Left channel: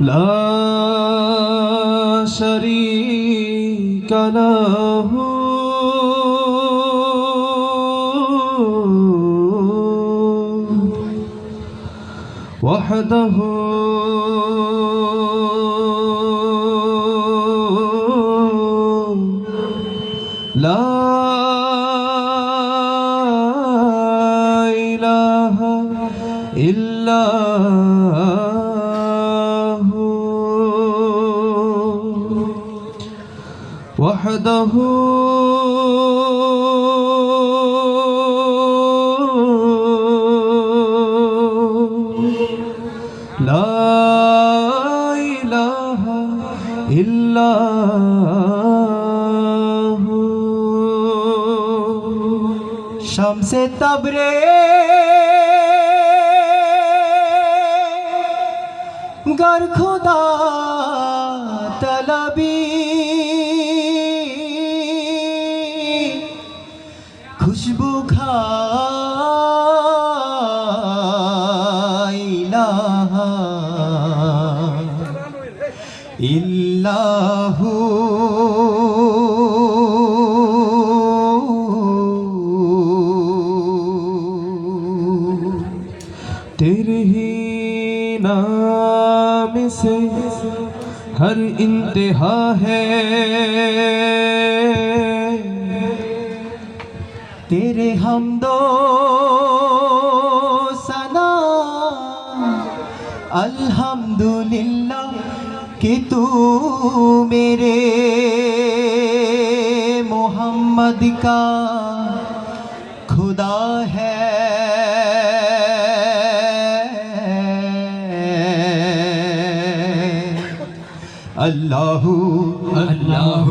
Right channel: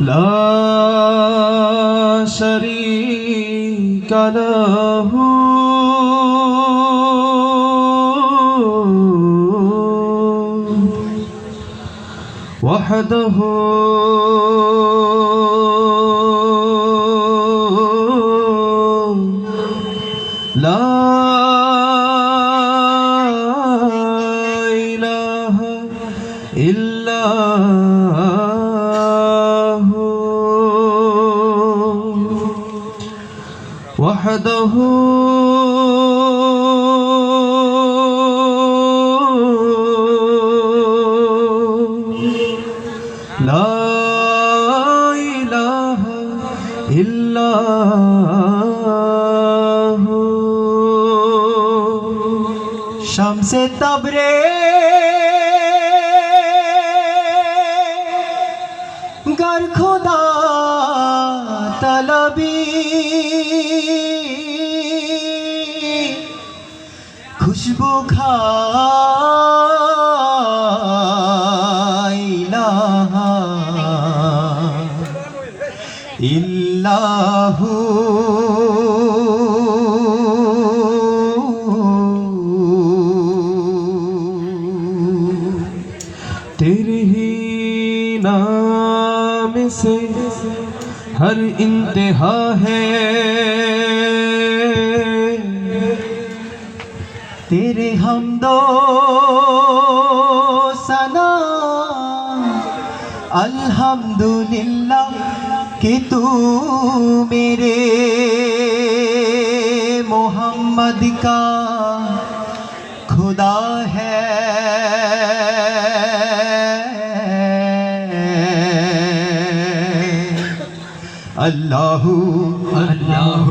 لا شريك له وحده لا إله إلا وحده لا إله إلا هو شمس تبريز گر خدا طلبی খুশবু ইলাহা ইল্লাহু তেরে হি নাম সে হর ইন্তহা হ্যায় तेरे हम दो सना अल्हम्दुलिल्लाह कि तू मेरे मोहम्मद का खुदा है अल्लाह अल्लाह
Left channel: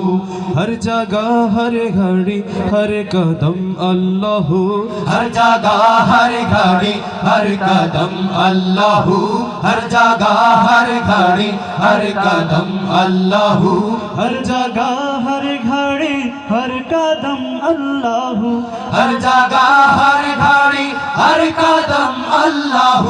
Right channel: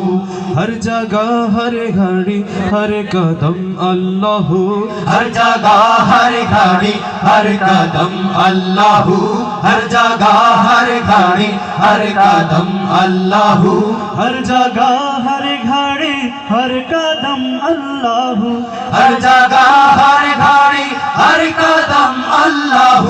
हर जगह हर घड़ी हर कदम अल्लाह हर जगह हर घड़ी हर कदम अल्लाह हर जगह हर घड़ी हर कदम अल्लाह हर जगह हर घड़ी हर कदम अल्लाह हर जगह हर घड़ी हर कदम अल्लाह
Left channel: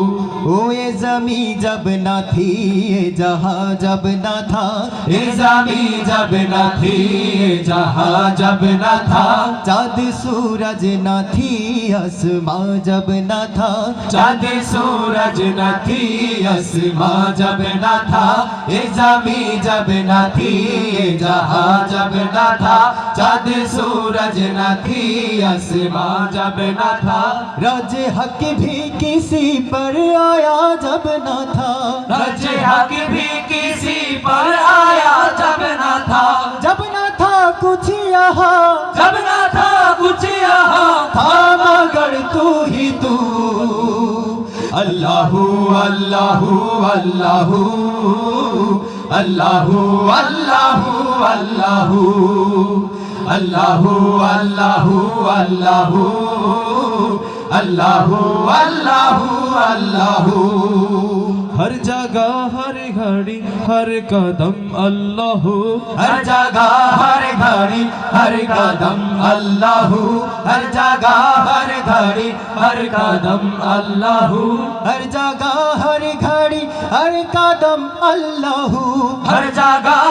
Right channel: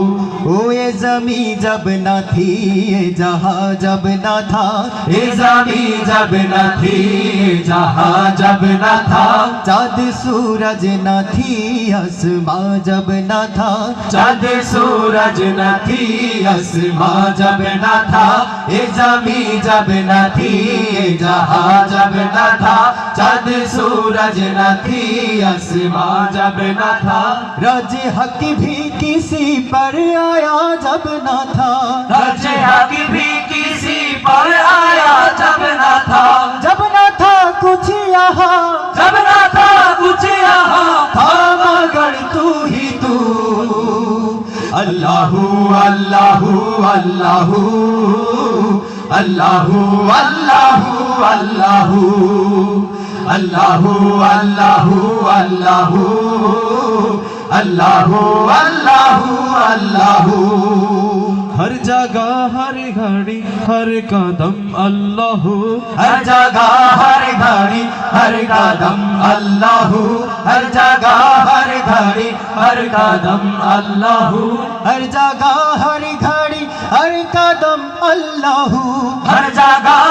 ओ ये जमी जब ना थी ये जहाँ जब ना था ये जमी जब ना थी ये जहाँ जब ना था चाँद सूरज ना थी आसमां जब ना था चाँद सूरज ना थी आसमां जब ना था ये जमी जब ना थी ये जहाँ जब ना था चाँद सूरज न थी आसमां जब न था राज हक भी किसी पर आ आया जब ना था रज भी किसी पर आया जब ना था जब ना था कुछ यहाँ जब ना था कुछ यहाँ था मगर तू ही तू अल्लाह अल्लाह अल्लाह अल्लाह अल्लाह अल्लाह अल्लाह अल्लाह अल्लाह अल्लाह अल्लाह گھڑی ہر قدم اللہ ہر جگہ ہر گھڑی ہر قدم اللہ ہر جگہ ہر گھڑی ہر قدم اللہ ہر جگہ ہر گھڑی ہر قدم اللہ ہر جگہ